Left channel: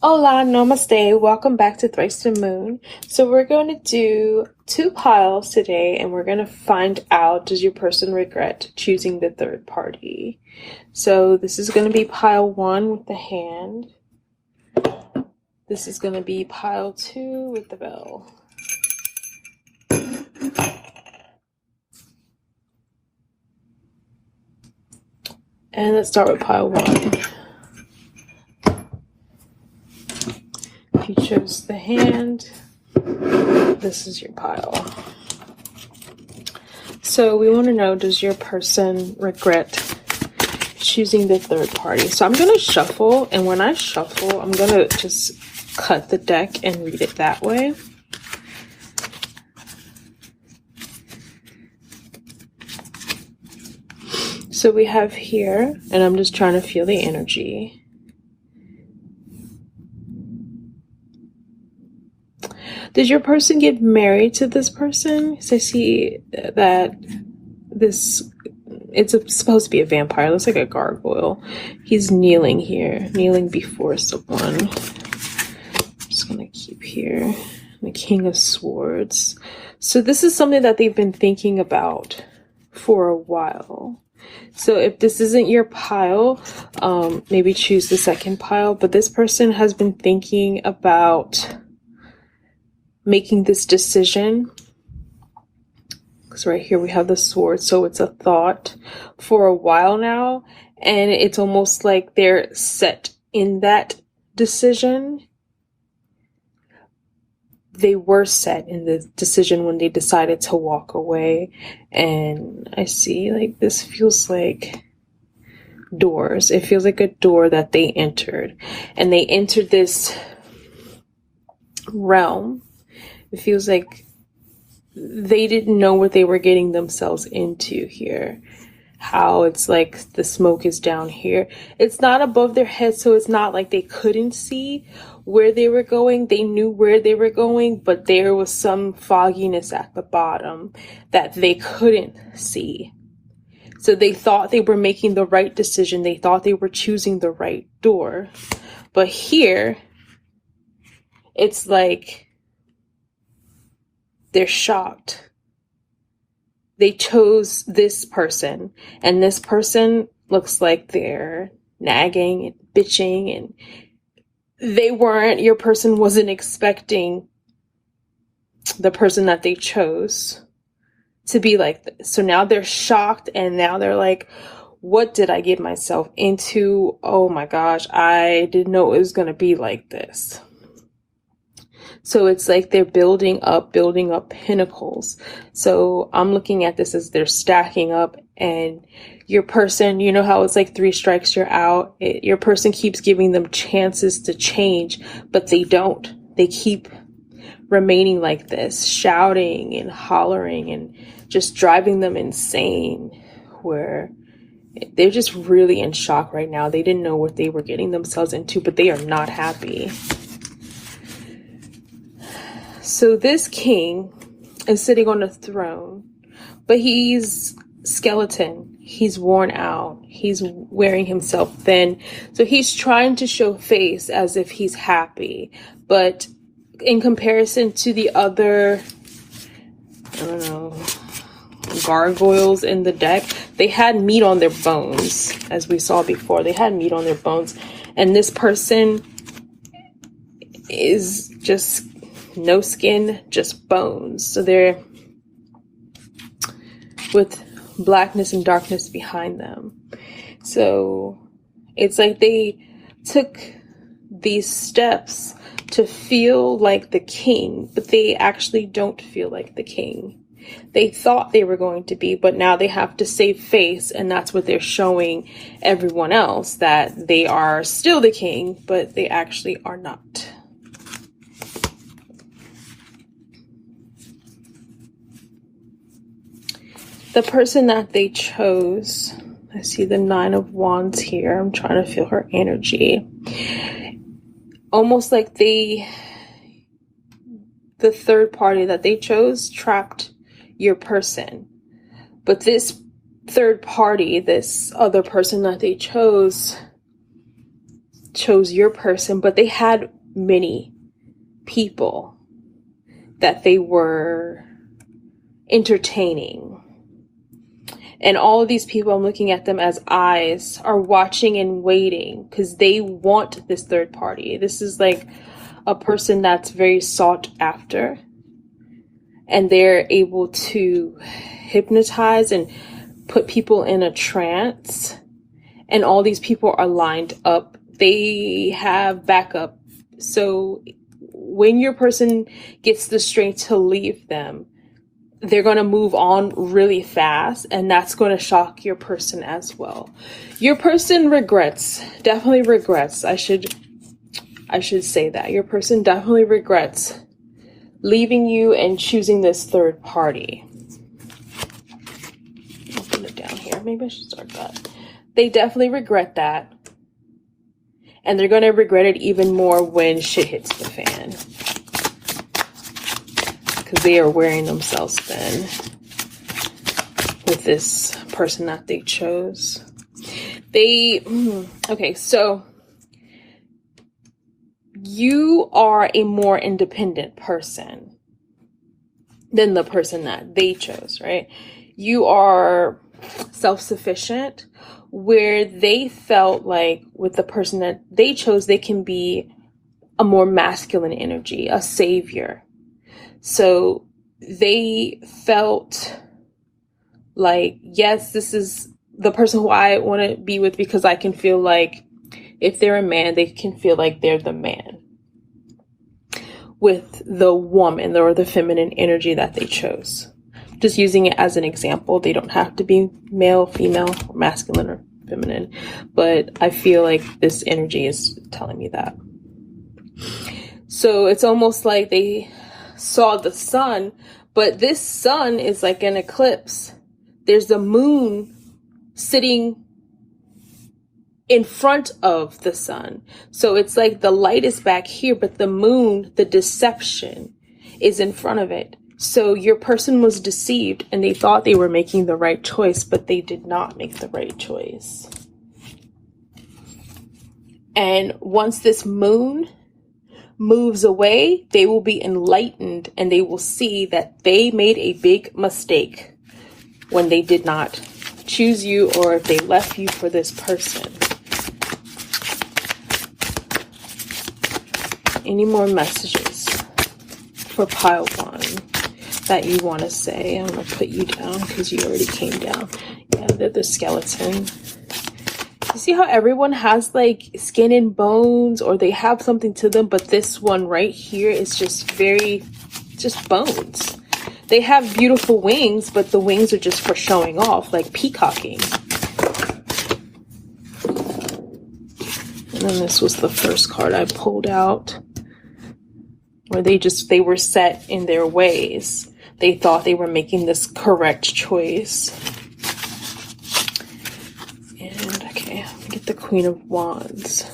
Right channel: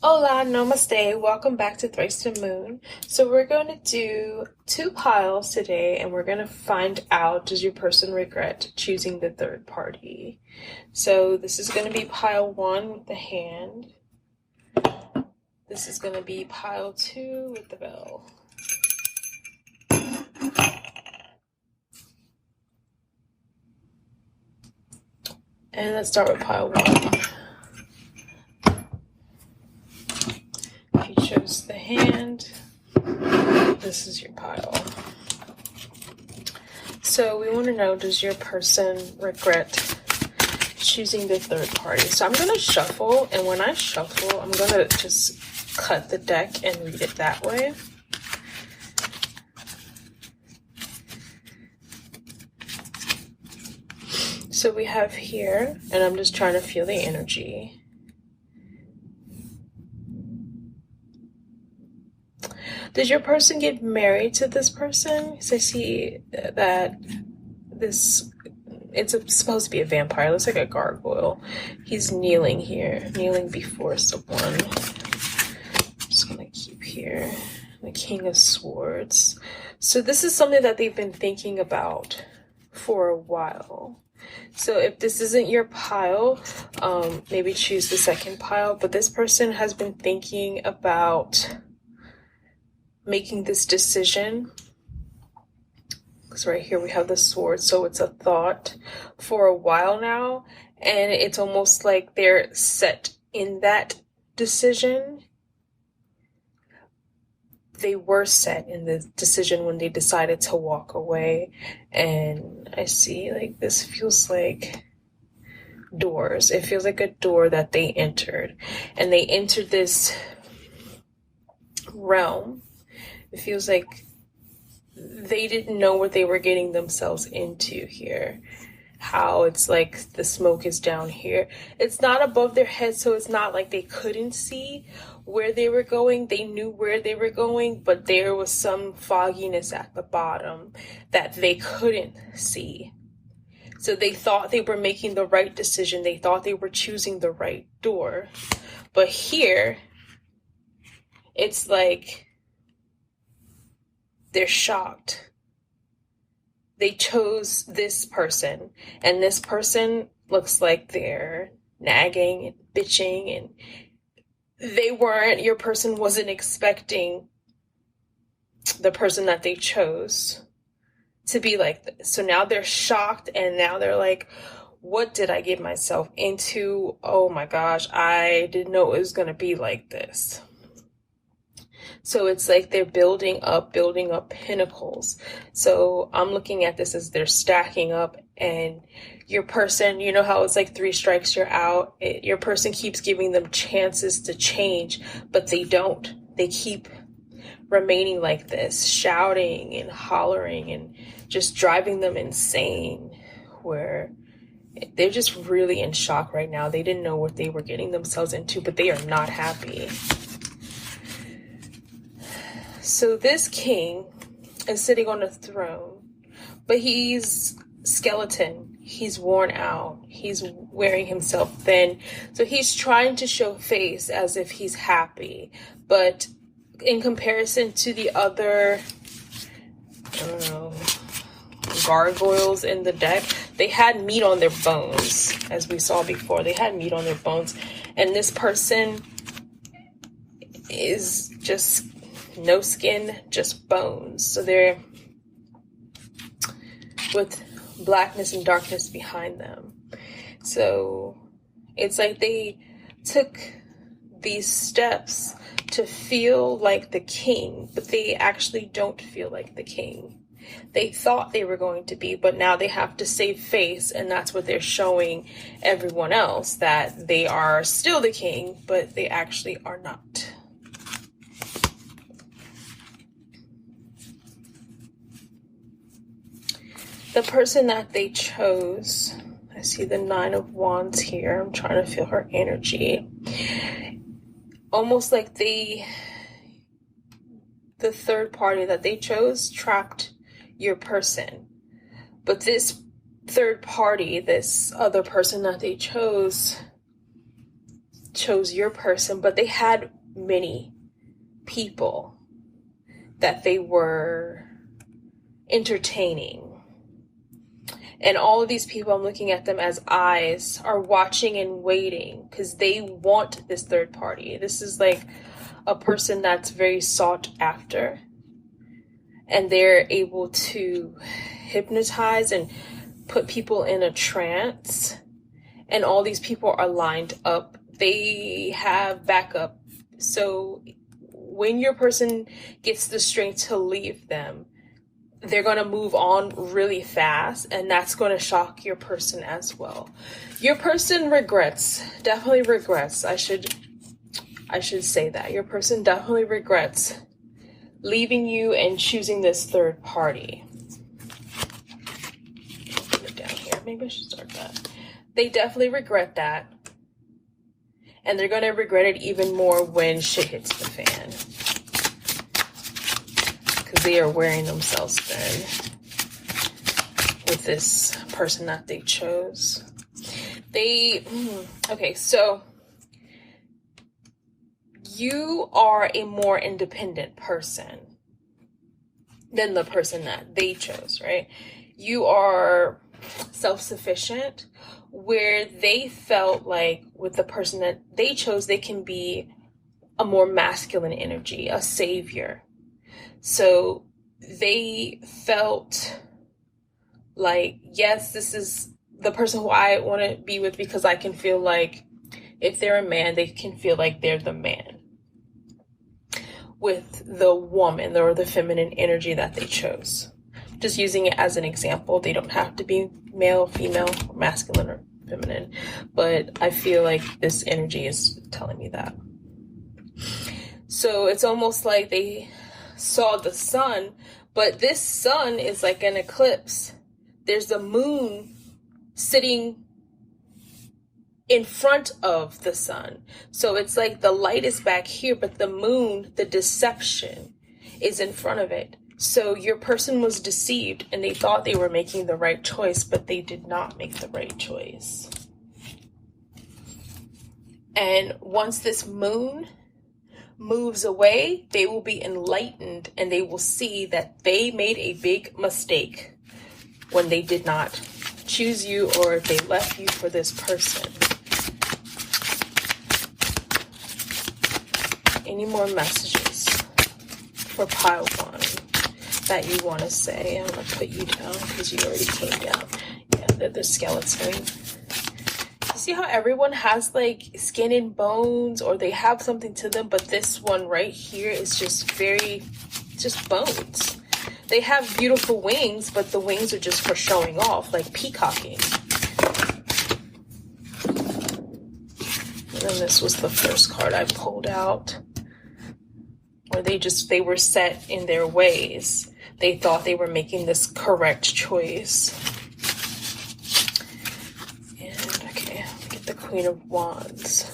Hola, namaste. Welcome back to Thrice the Moon. So we're going to do two piles today, and we're going to find out, does your person regret choosing the third party? So this is going to be pile one with the hand. This is going to be pile two with the bell. And let's start with pile one. You chose the hand. This is your pile. So we want to know, does your person regret choosing the third party? So I'm going to shuffle, and when I shuffle, I'm going to just cut the deck and read it that way. So we have here, and I'm just trying to feel the energy. Did your person get married to this person? So I see that it's supposed to be a vampire. It looks like a gargoyle. He's kneeling here, kneeling before someone. I'm just going to keep here. The King of Swords. So this is something that they've been thinking about for a while. So if this isn't your pile, maybe choose the second pile. But this person has been thinking about making this decision, because right here we have the sword, so it's a thought for a while now, and it's almost like they're set in that decision. They were set in the decision when they decided to walk away, and I see like this feels like doors. It feels like a door that they entered, and they entered this realm. It feels like they didn't know what they were getting themselves into here. How it's like the smoke is down here. It's not above their head, so it's not like they couldn't see where they were going. They knew where they were going, but there was some fogginess at the bottom that they couldn't see. So they thought they were making the right decision. They thought they were choosing the right door. But here, it's like they're shocked. They chose this person, and this person looks like they're nagging and bitching, and your person wasn't expecting the person that they chose to be like this. So now they're shocked, and now they're like, what did I get myself into? Oh my gosh, I didn't know it was going to be like this. So it's like they're building up pinnacles. So I'm looking at this as they're stacking up, and your person, you know how it's like 3 strikes, you're out. Your person keeps giving them chances to change, but they don't. They keep remaining like this, shouting and hollering and just driving them insane, where they're just really in shock right now. They didn't know what they were getting themselves into, but they are not happy. So this king is sitting on a throne, but he's skeleton. He's worn out. He's wearing himself thin. So he's trying to show face as if he's happy. But in comparison to the other, gargoyles in the deck, they had meat on their bones, as we saw before. They had meat on their bones. And this person is just no skin, just bones. So they're with blackness and darkness behind them. So it's like they took these steps to feel like the king, but they actually don't feel like the king. They thought they were going to be, but now they have to save face, and that's what they're showing everyone else, that they are still the king, but they actually are not. The person that they chose, I see the 9 of Wands here. I'm trying to feel her energy. Almost like the third party that they chose trapped your person. But this third party, this other person that they chose, chose your person, but they had many people that they were entertaining. And all of these people, I'm looking at them as eyes, are watching and waiting because they want this third party. This is like a person that's very sought after, and they're able to hypnotize and put people in a trance. And all these people are lined up. They have backup. So when your person gets the strength to leave them, they're going to move on really fast, and that's going to shock your person as well. Your person definitely regrets. I should say that. Your person definitely regrets leaving you and choosing this third party. I'll put it down here. Maybe I should start that. They definitely regret that. And they're going to regret it even more when shit hits the fan. Because they are wearing themselves thin with this person that they chose. Okay, so you are a more independent person than the person that they chose, right? You are self-sufficient, where they felt like with the person that they chose, they can be a more masculine energy, a savior. So they felt like, yes, this is the person who I want to be with, because I can feel like if they're a man, they can feel like they're the man with the woman or the feminine energy that they chose. Just using it as an example. They don't have to be male, female, masculine, or feminine, but I feel like this energy is telling me that. So it's almost like they saw the sun, but this sun is like an eclipse. There's the moon sitting in front of the sun. So it's like the light is back here, but the moon, the deception, is in front of it. So your person was deceived and they thought they were making the right choice, but they did not make the right choice. And once this moon moves away, they will be enlightened and they will see that they made a big mistake when they did not choose you, or if they left you for this person. Any more messages for pile one that you want to say? I'm going to put you down because you already came down. Yeah, the skeleton. You see how everyone has like skin and bones, or they have something to them, but this one right here is just bones. They have beautiful wings, but the wings are just for showing off, like peacocking. And this was the first card I pulled out, where they were set in their ways. They thought they were making this correct choice. And okay, get the Queen of Wands.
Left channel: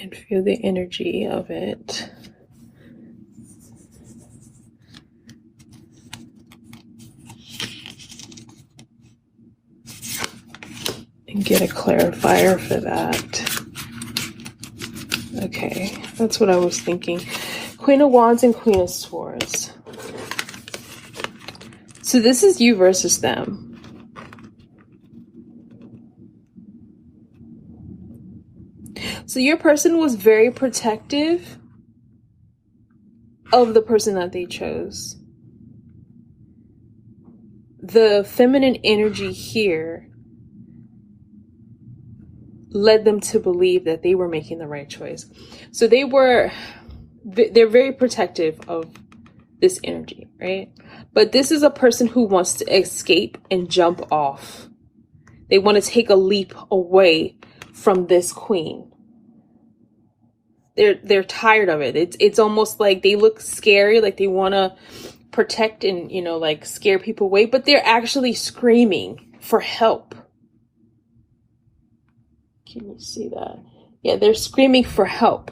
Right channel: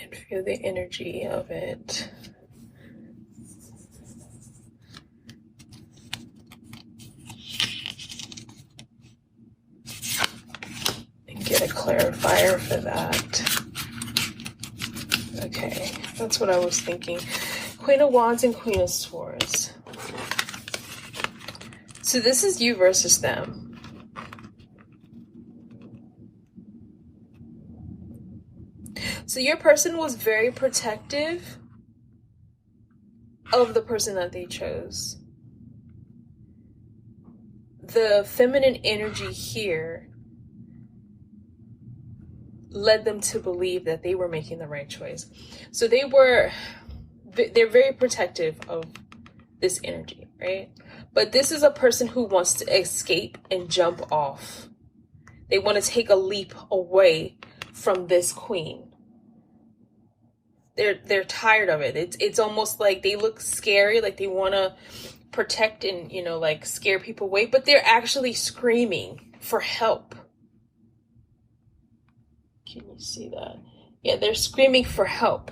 And feel the energy of it. And get a clarifier for that. Okay, that's what I was thinking. Queen of Wands and Queen of Swords. So this is you versus them. So your person was very protective of the person that they chose. The feminine energy here led them to believe that they were making the right choice. So they're very protective of this energy, right? But this is a person who wants to escape and jump off. They want to take a leap away from this queen. They're tired of it. It's almost like they look scary, like they want to protect and, like scare people away, but they're actually screaming for help. Can you see that? Yeah, they're screaming for help.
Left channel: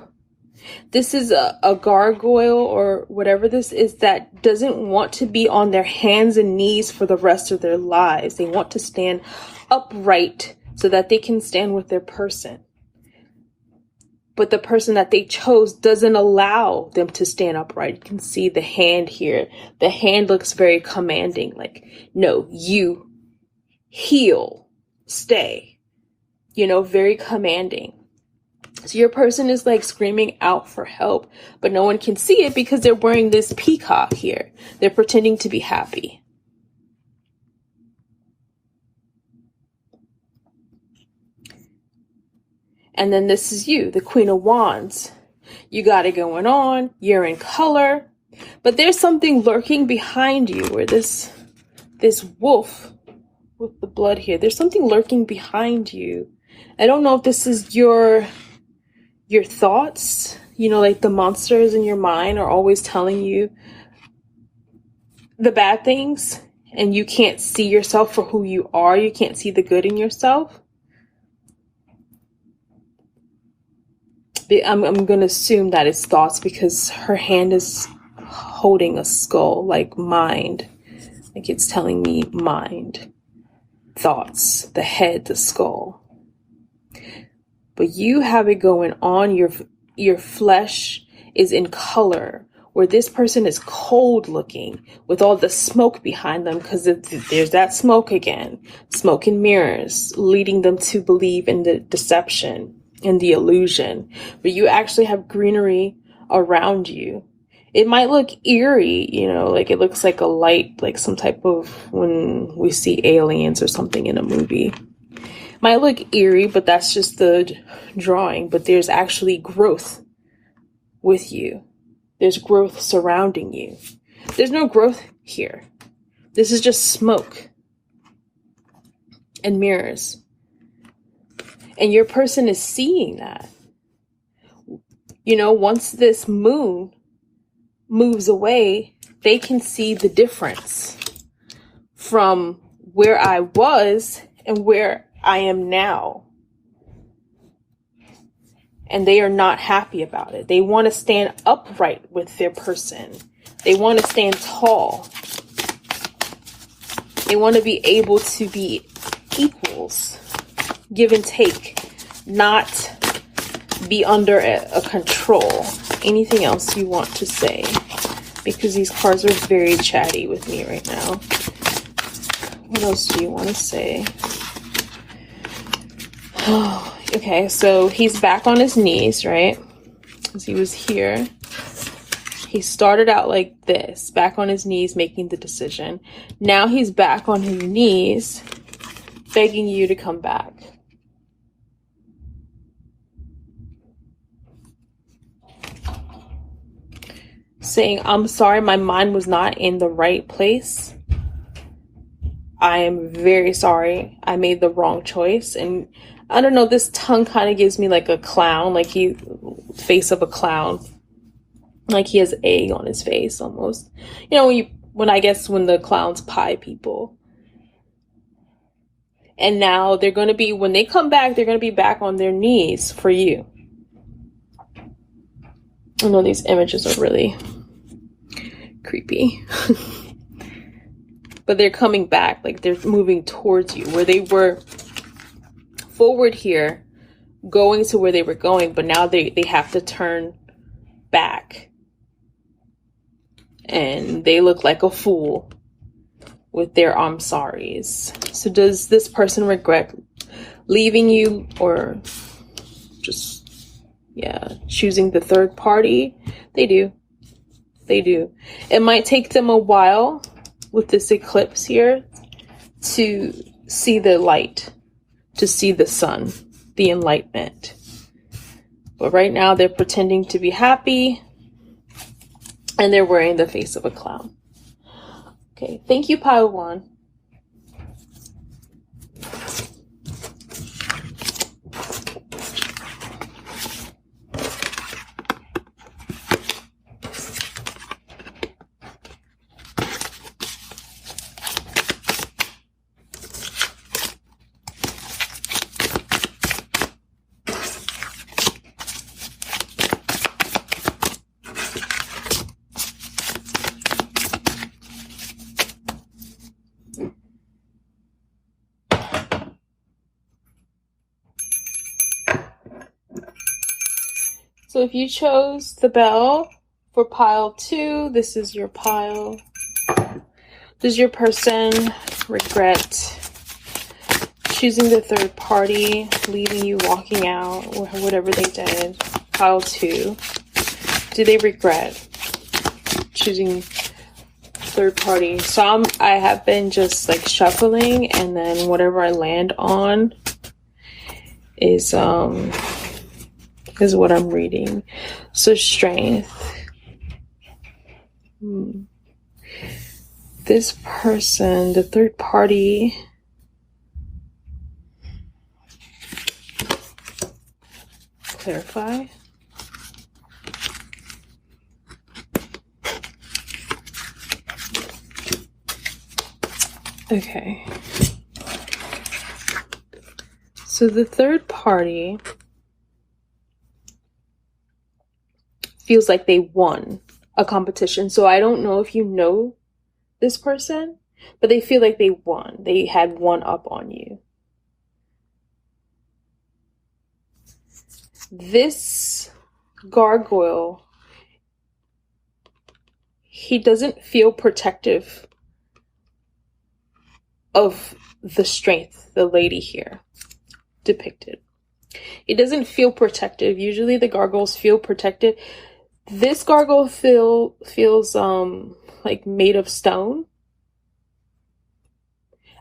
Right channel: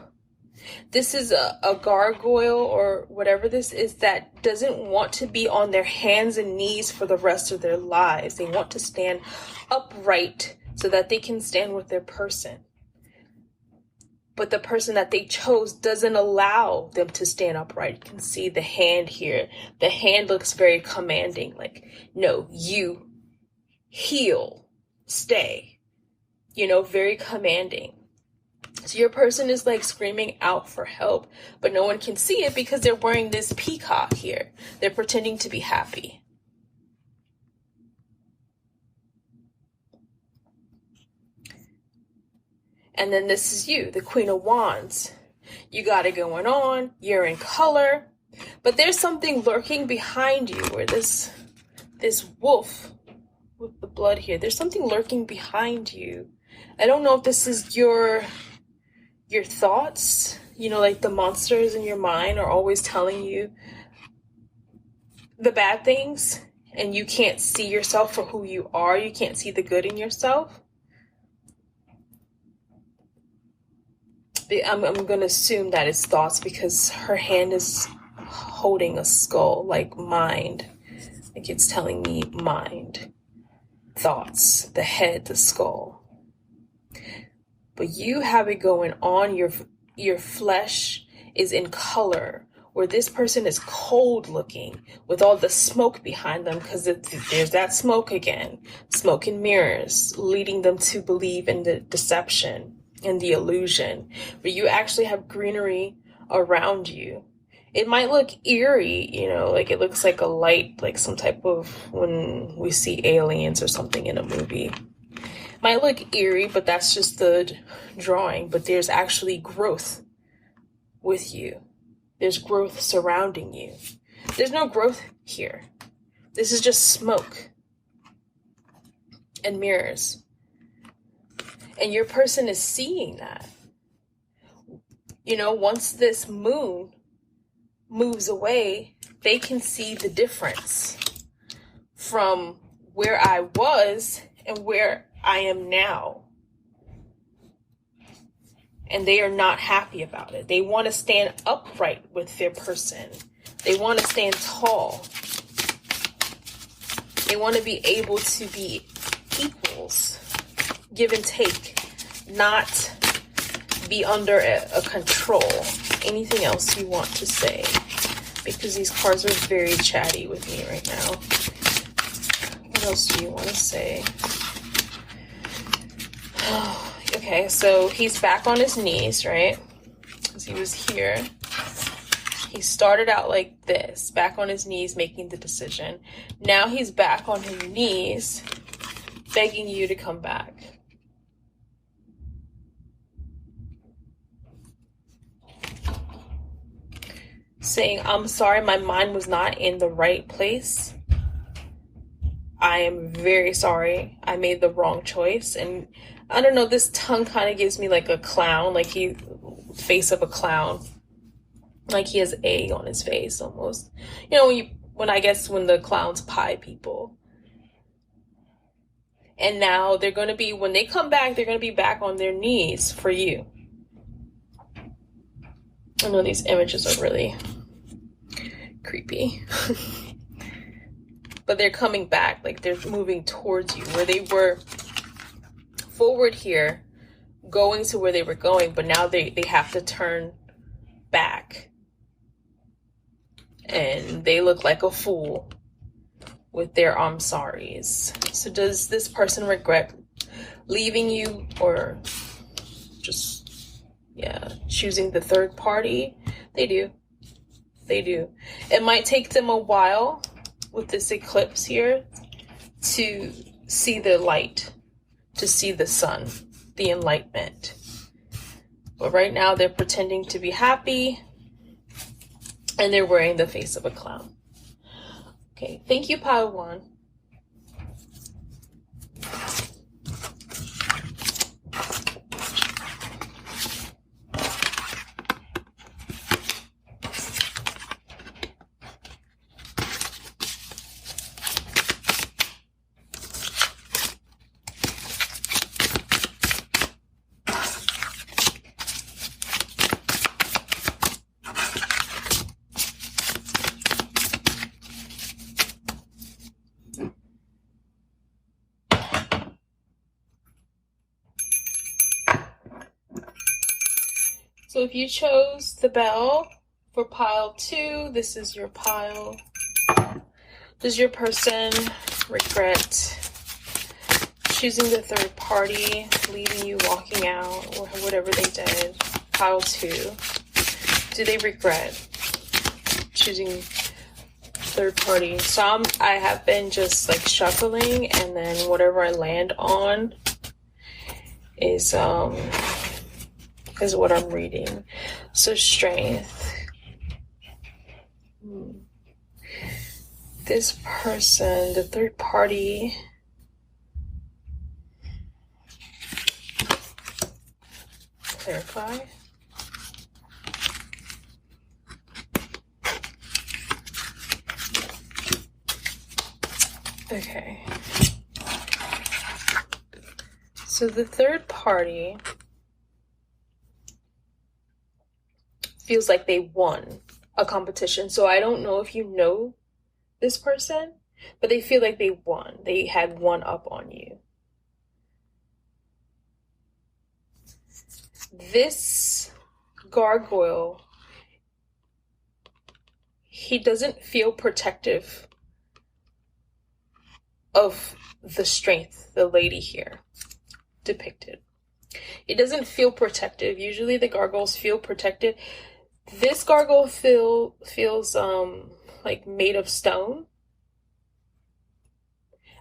This is a gargoyle or whatever this is that doesn't want to be on their hands and knees for the rest of their lives. They want to stand upright so that they can stand with their person. But the person that they chose doesn't allow them to stand upright. You can see the hand here. The hand looks very commanding. Like, no, you heal, stay, very commanding. So your person is like screaming out for help, but no one can see it because they're wearing this peacock here. They're pretending to be happy. And then this is you, the Queen of Wands. You got it going on. You're in color, but there's something lurking behind you where this wolf with the blood here, there's something lurking behind you. I don't know if this is your thoughts, like the monsters in your mind are always telling you the bad things and you can't see yourself for who you are. You can't see the good in yourself. I'm going to assume that it's thoughts because her hand is holding a skull, like mind. Like it's telling me mind, thoughts, the head, the skull. But you have it going on. Your flesh is in color, where this person is cold looking with all the smoke behind them because there's that smoke again. Smoke and mirrors leading them to believe in the deception and the illusion. But you actually have greenery around you. It might look eerie, like it looks like a light, like some type of when we see aliens or something in a movie. Might look eerie, but that's just the drawing. But there's actually growth with you. There's growth surrounding you. There's no growth here. This is just smoke and mirrors. And your person is seeing that. Once this moon moves away, they can see the difference from where I was and where I am now. And they are not happy about it. They want to stand upright with their person. They want to stand tall. They want to be able to be equals, give and take, not be under a control. Anything else you want to say? Because these cards are very chatty with me right now. What else do you want to say? Okay, so he's back on his knees, right? Because he was here. He started out like this, back on his knees, making the decision. Now he's back on his knees, begging you to come back. Saying, I'm sorry, my mind was not in the right place. I am very sorry. I made the wrong choice. And I don't know, this tongue kind of gives me like a clown, like face of a clown. Like he has egg on his face almost. When the clowns pie people. And now they're going to be, when they come back, they're going to be back on their knees for you. I know these images are really creepy. But they're coming back, like they're moving towards you, where they were forward here, going to where they were going, but now they have to turn back. And they look like a fool with their I'm sorries. So does this person regret leaving you or just, choosing the third party? They do. They do. It might take them a while with this eclipse here to see the light, to see the sun, the enlightenment. But right now they're pretending to be happy and they're wearing the face of a clown. Okay, thank you, Padawan. So if you chose the bell for pile 2, this is your pile. Does your person regret choosing the third party, leaving you, walking out, or whatever they did? Pile 2. Do they regret choosing third party? So I have been just like shuffling, and then whatever I land on is what I'm reading. So strength. This person, the third party, clarify. Okay. So the third party feels like they won a competition. So I don't know if you know this person, but they feel like they won. They had one up on you. This gargoyle, he doesn't feel protective of the strength, the lady here depicted. It doesn't feel protective. Usually the gargoyles feel protected. This gargoyle feels like made of stone,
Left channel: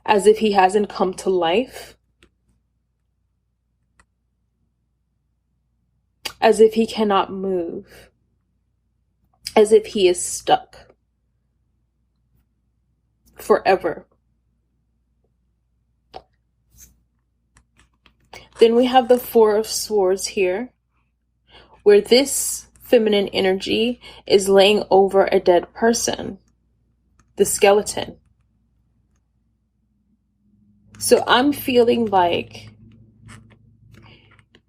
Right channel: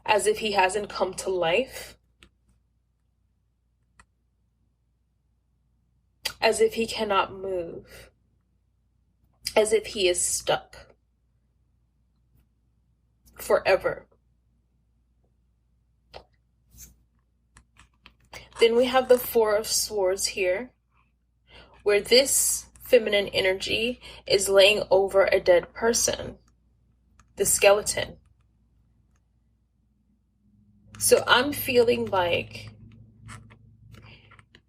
as if he hasn't come to life, as if he cannot move, as if he is stuck forever. Then we have the Four of Swords here, where this feminine energy is laying over a dead person, the skeleton. So I'm feeling like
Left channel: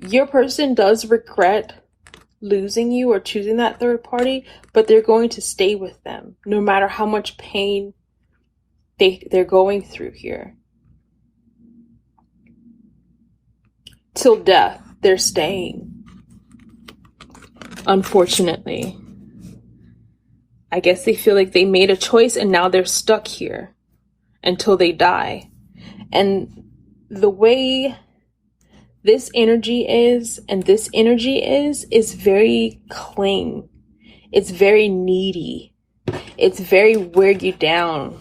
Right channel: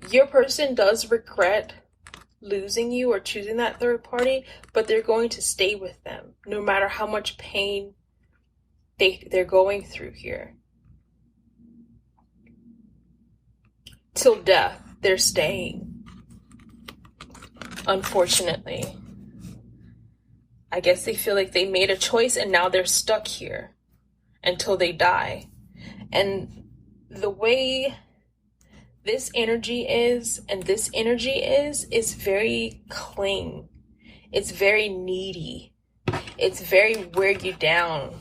your person does regret losing you or choosing that third party, but they're going to stay with them no matter how much pain they're going through here. Till death, they're staying. Unfortunately. I guess they feel like they made a choice and now they're stuck here until they die. And the way this energy is and this energy is very cling. It's very needy. It's very wear you down.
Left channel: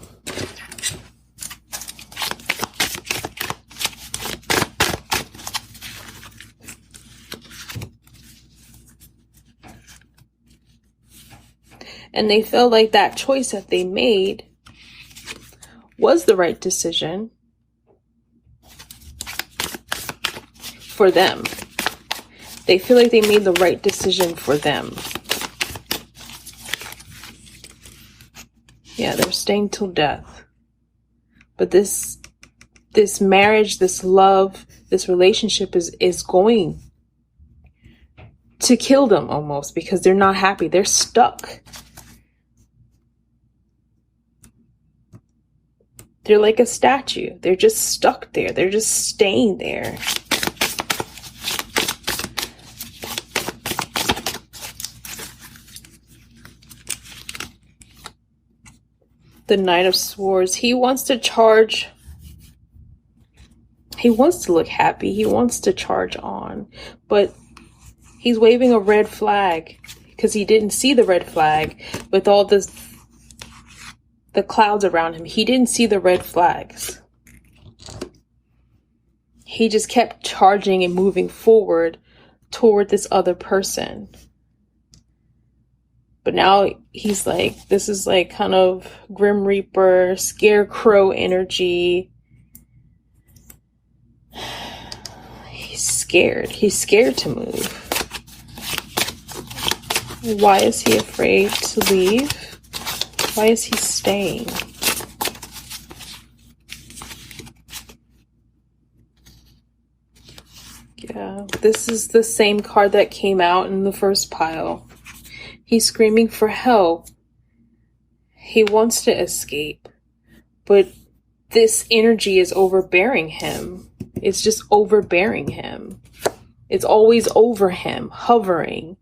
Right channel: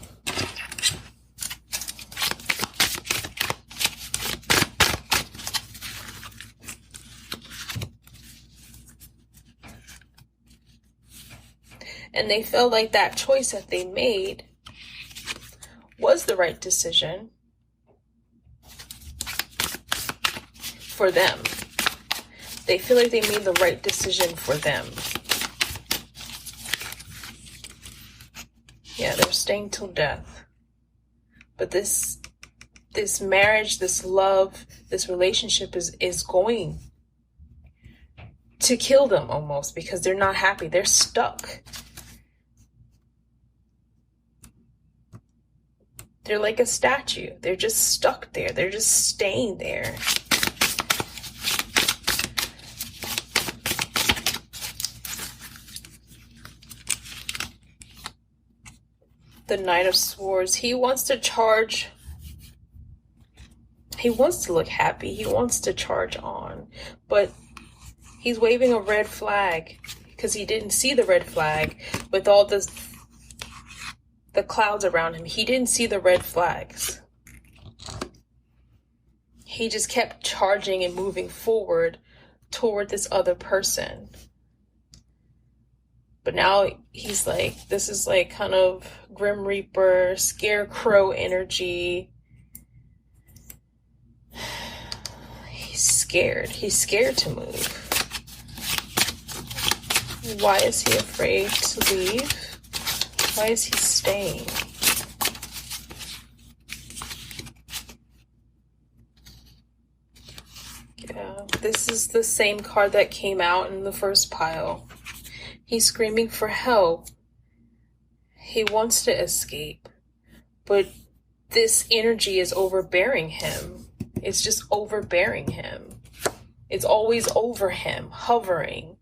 And they feel like that choice that they made was the right decision for them. They feel like they made the right decision for them. Yeah, they're staying till death. But this marriage, this love, this relationship is going to kill them almost, because they're not happy. They're stuck. They're like a statue. They're just stuck there. They're just staying there. The Knight of Swords. He wants to charge. He wants to look happy. He wants to charge on. But he's waving a red flag because he didn't see the red flag with all the clouds around him. He didn't see the red flags. He just kept charging and moving forward toward this other person. But now he's like, this is like kind of Grim Reaper, Scarecrow energy. He's scared. He's scared to move. Why is he afraid to leave? Why is he staying? Yeah, this is the same card that came out in the first pile. He's screaming for help. He wants to escape, but this energy is overbearing him. It's just overbearing him. It's always over him, hovering.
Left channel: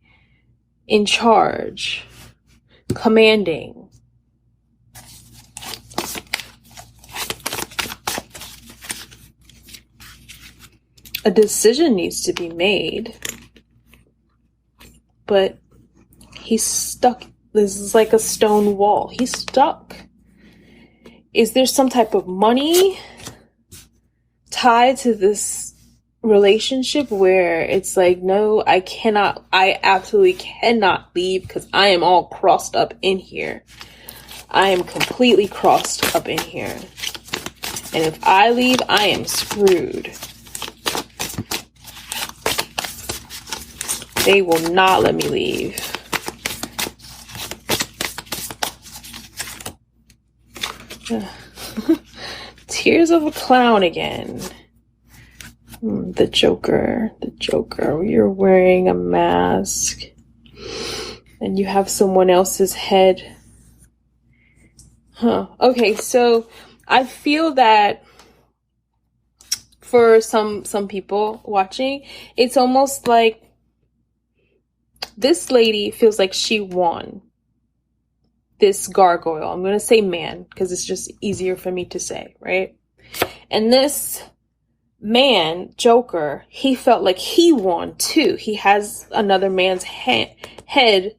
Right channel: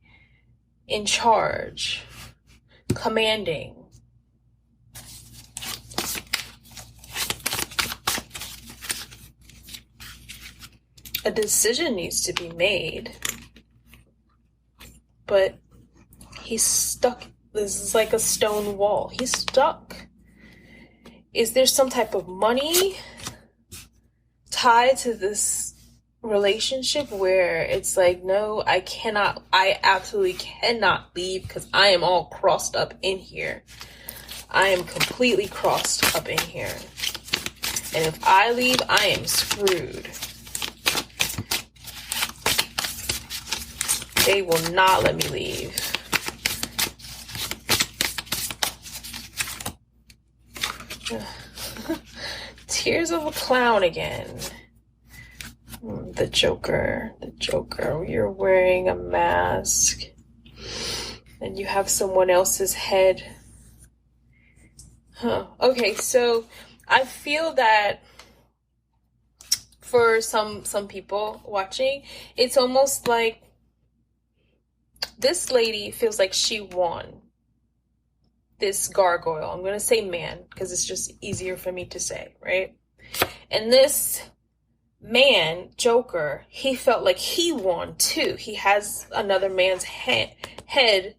in charge, commanding. A decision needs to be made, but he's stuck. This is like a stone wall. He's stuck. Is there some type of money tied to this relationship where it's like, no, I absolutely cannot leave because I am all crossed up in here. I am completely crossed up in here. And if I leave, I am screwed. They will not let me leave. Tears of a clown again. The Joker. You're wearing a mask. And you have someone else's head. Okay, so I feel that for some people watching, it's almost like this lady feels like she won this gargoyle. I'm going to say man because it's just easier for me to say, right? And this man, Joker, he felt like he won too. He has another man's head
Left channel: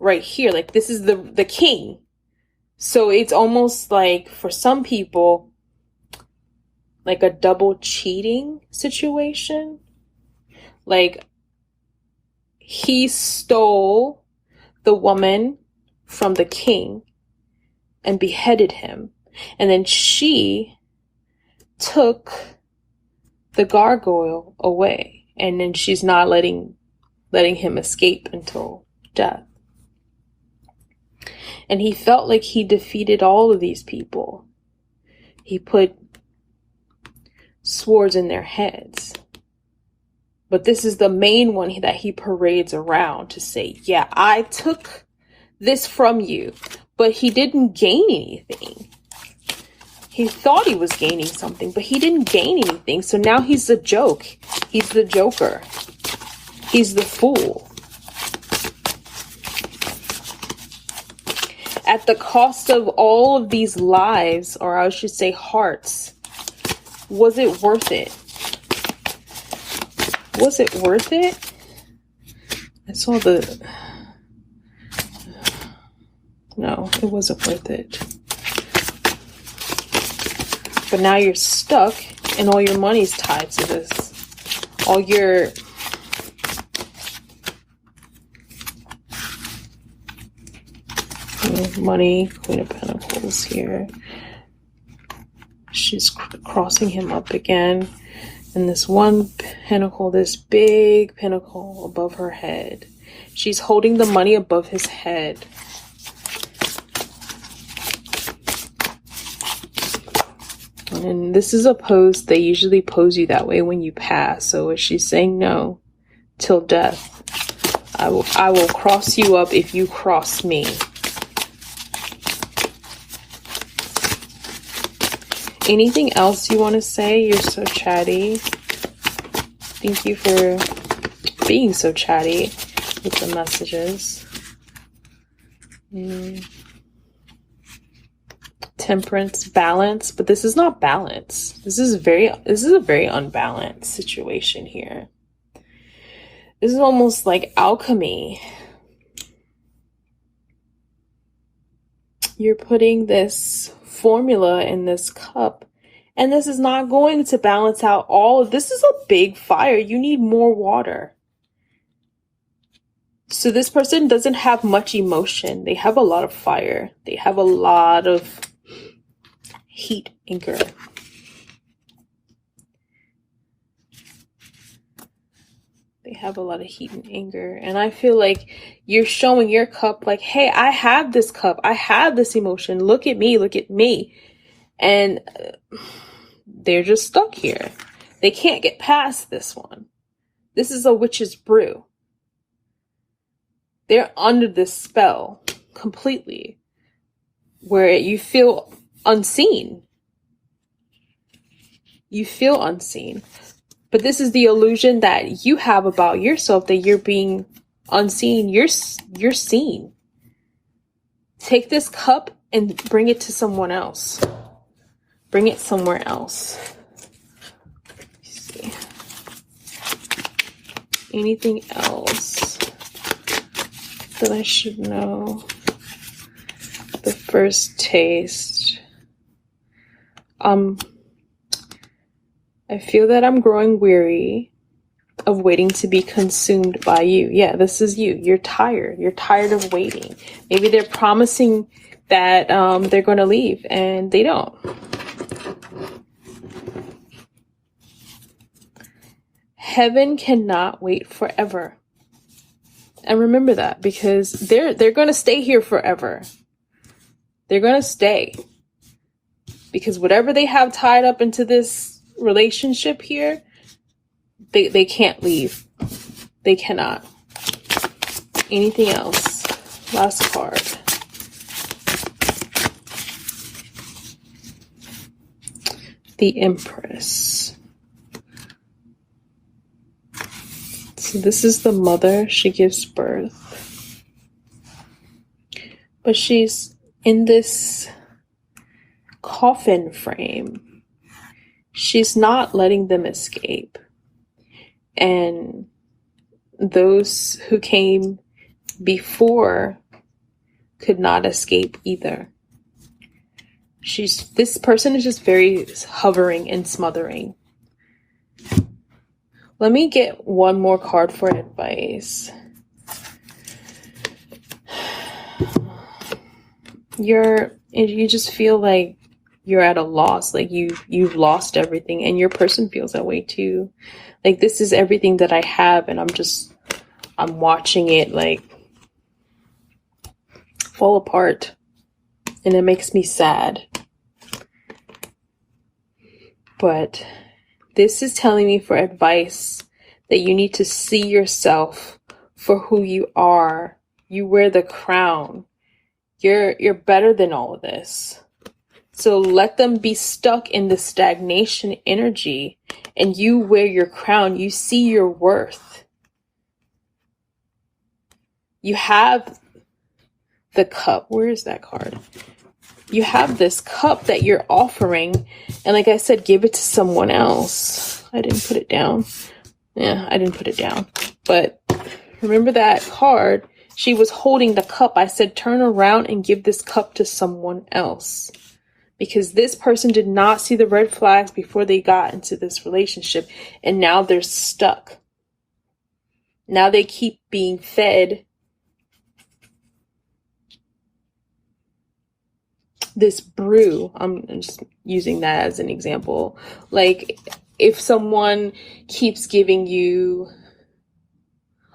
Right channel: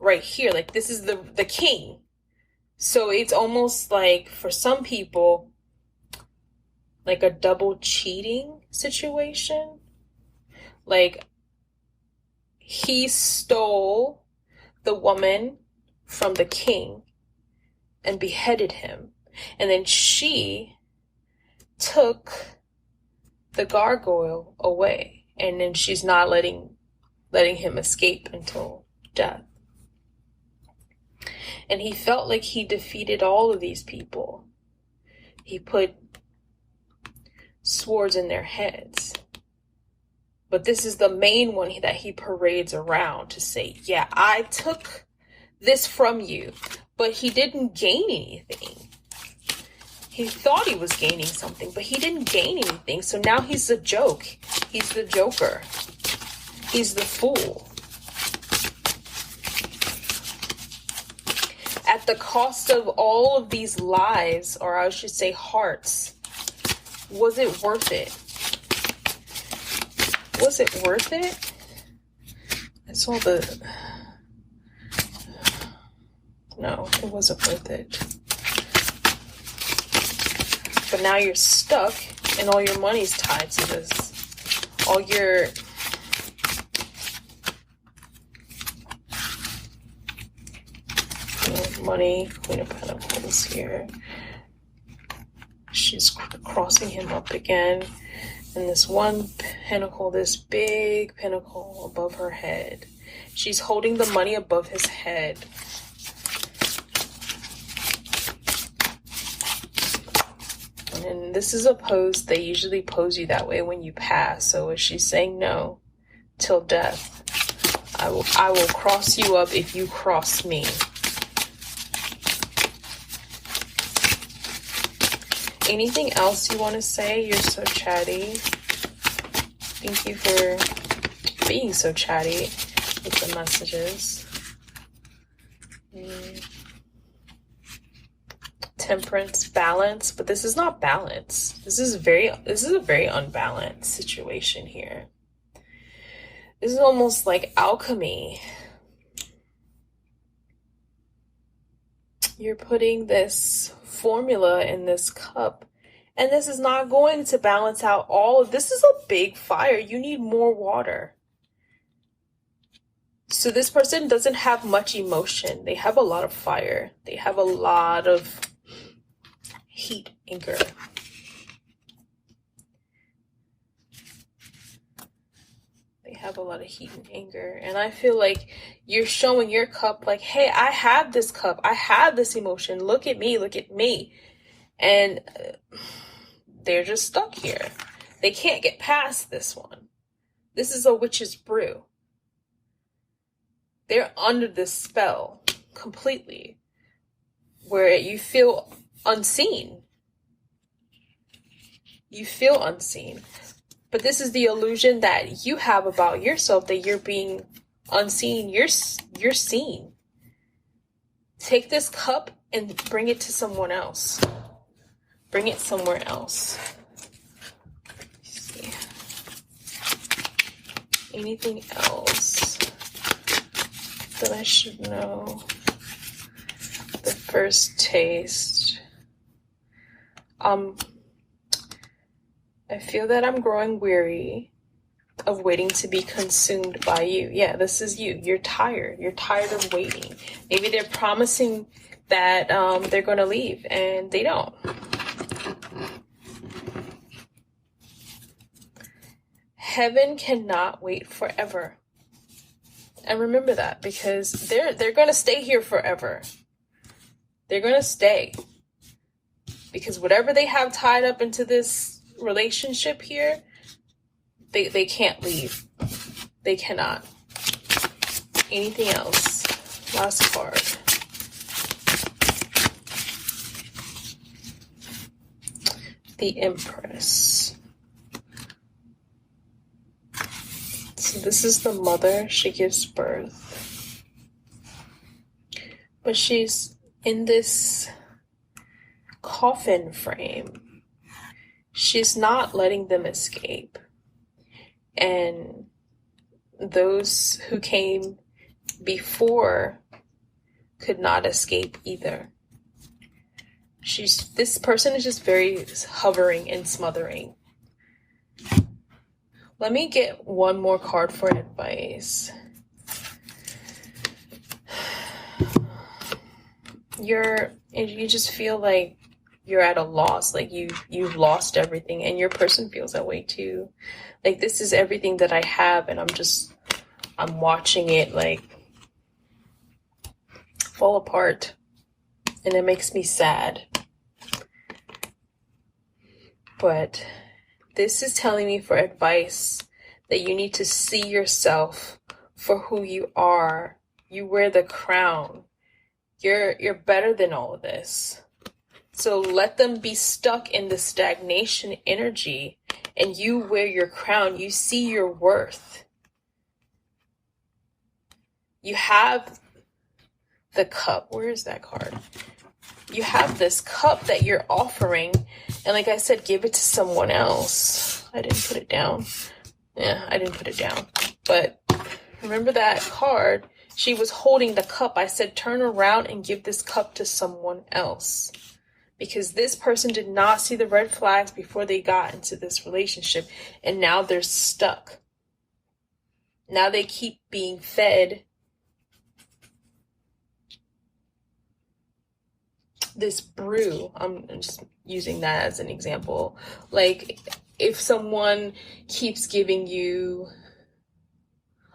right here. Like this is the king. So it's almost like for some people, like a double cheating situation. Like he stole the woman from the king and beheaded him. And then she took the gargoyle away. And then she's not letting him escape until death. And he felt like he defeated all of these people. He put swords in their heads. But this is the main one that he parades around to say, yeah, I took this from you. But he didn't gain anything. He thought he was gaining something, but he didn't gain anything. So now he's a joke. He's the Joker. He's the fool. At the cost of all of these lives, or I should say hearts, was it worth it? Was it worth it? I saw no, it wasn't worth it. But now you're stuck and all your money's tied to this. All your money, Queen of Pentacles here. She's crossing him up again. And this one pentacle, this big pentacle above her head. She's holding the money above his head. And this is a pose, they usually pose you that way when you pass. So is she saying no till death? I will cross you up if you cross me. Anything else you want to say? You're so chatty. Thank you for being so chatty with the messages. Temperance, balance, but this is not balance. This is a very unbalanced situation here. This is almost like alchemy. You're putting this formula in this cup, and this is not going to balance out all of this. Is a big fire. You need more water. So this person doesn't have much emotion. They have a lot of fire. They have a lot of heat, anger. They have a lot of heat and anger. And I feel like you're showing your cup like, hey, I have this cup. I have this emotion. Look at me. Look at me. And they're just stuck here. They can't get past this one. This is a witch's brew. They're under this spell completely where you feel unseen. You feel unseen. But this is the illusion that you have about yourself, that you're being unseen, you're seen. Take this cup and bring it to someone else. Bring it somewhere else. Let's see. Anything else that I should know? The first taste. I feel that I'm growing weary of waiting to be consumed by you. Yeah, this is you. You're tired. You're tired of waiting. Maybe they're promising that they're going to leave and they don't. Heaven cannot wait forever. And remember that, because they're going to stay here forever. They're going to stay. Because whatever they have tied up into this relationship here, they can't leave. They cannot. Anything else? Last card. The Empress. So this is the mother. She gives birth. But she's in this coffin frame. She's not letting them escape. And those who came before could not escape either. This person is just very hovering and smothering. Let me get one more card for advice. You just feel like you're at a loss, like you've lost everything, and your person feels that way too. Like, this is everything that I have, and I'm watching it like fall apart, and it makes me sad. But this is telling me for advice that you need to see yourself for who you are. You wear the crown. You're better than all of this. So let them be stuck in the stagnation energy, and you wear your crown. You see your worth. You have the cup. Where is that card? You have this cup that you're offering, and like I said, give it to someone else. I didn't put it down. Yeah, I didn't put it down. But remember that card? She was holding the cup. I said, turn around and give this cup to someone else. Because this person did not see the red flags before they got into this relationship. And now they're stuck. Now they keep being fed this brew. I'm just using that as an example. Like, if someone keeps giving you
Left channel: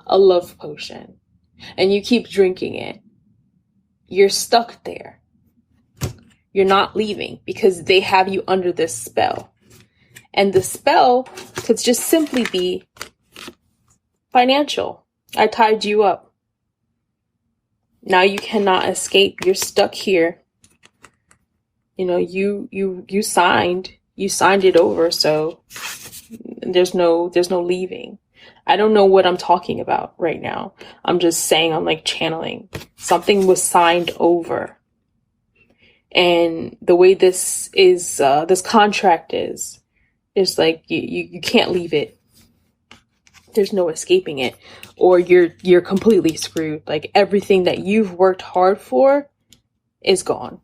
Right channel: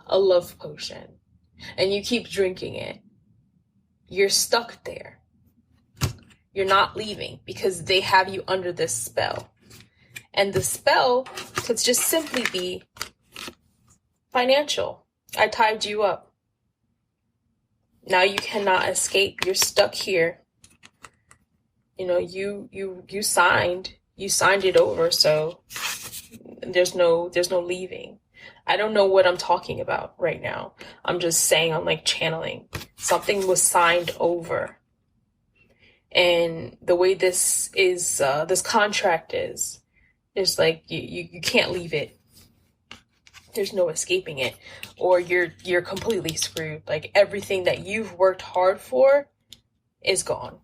a love potion and you keep drinking it, you're stuck there. You're not leaving because they have you under this spell. And the spell could just simply be financial. I tied you up. Now you cannot escape. You're stuck here. You know, you signed it over, so there's no leaving. I don't know what I'm talking about right now. I'm just saying, I'm like channeling. Something was signed over. And the way this is, this contract is like you can't leave it. There's no escaping it, or you're completely screwed. Like, everything that you've worked hard for is gone.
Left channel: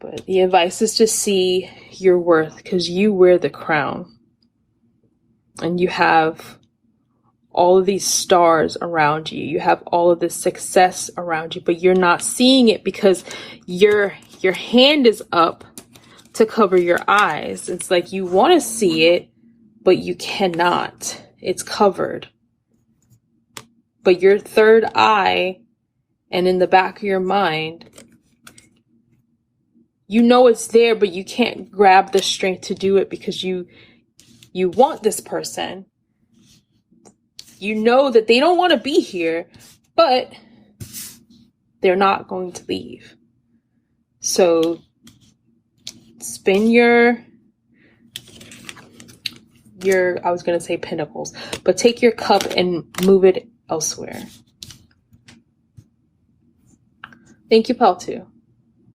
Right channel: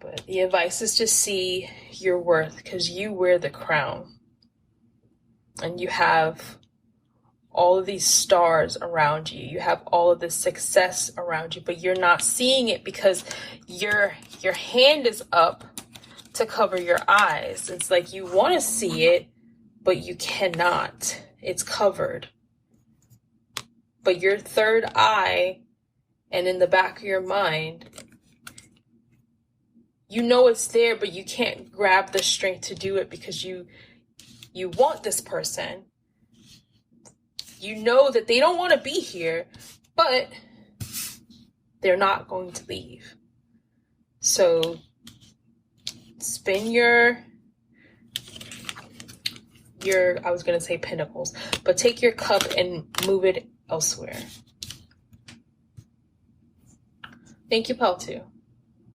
But the advice is to see your worth, because you wear the crown, and you have all of these stars around you. You have all of this success around you, but you're not seeing it because your hand is up to cover your eyes. It's like you want to see it, but you cannot. It's covered. But your third eye and in the back of your mind, you know it's there, but you can't grab the strength to do it because you want this person. You know that they don't want to be here, but they're not going to leave. So spin your your, I was going to say pentacles, but take your cup and move it elsewhere. Thank you, Pal 2.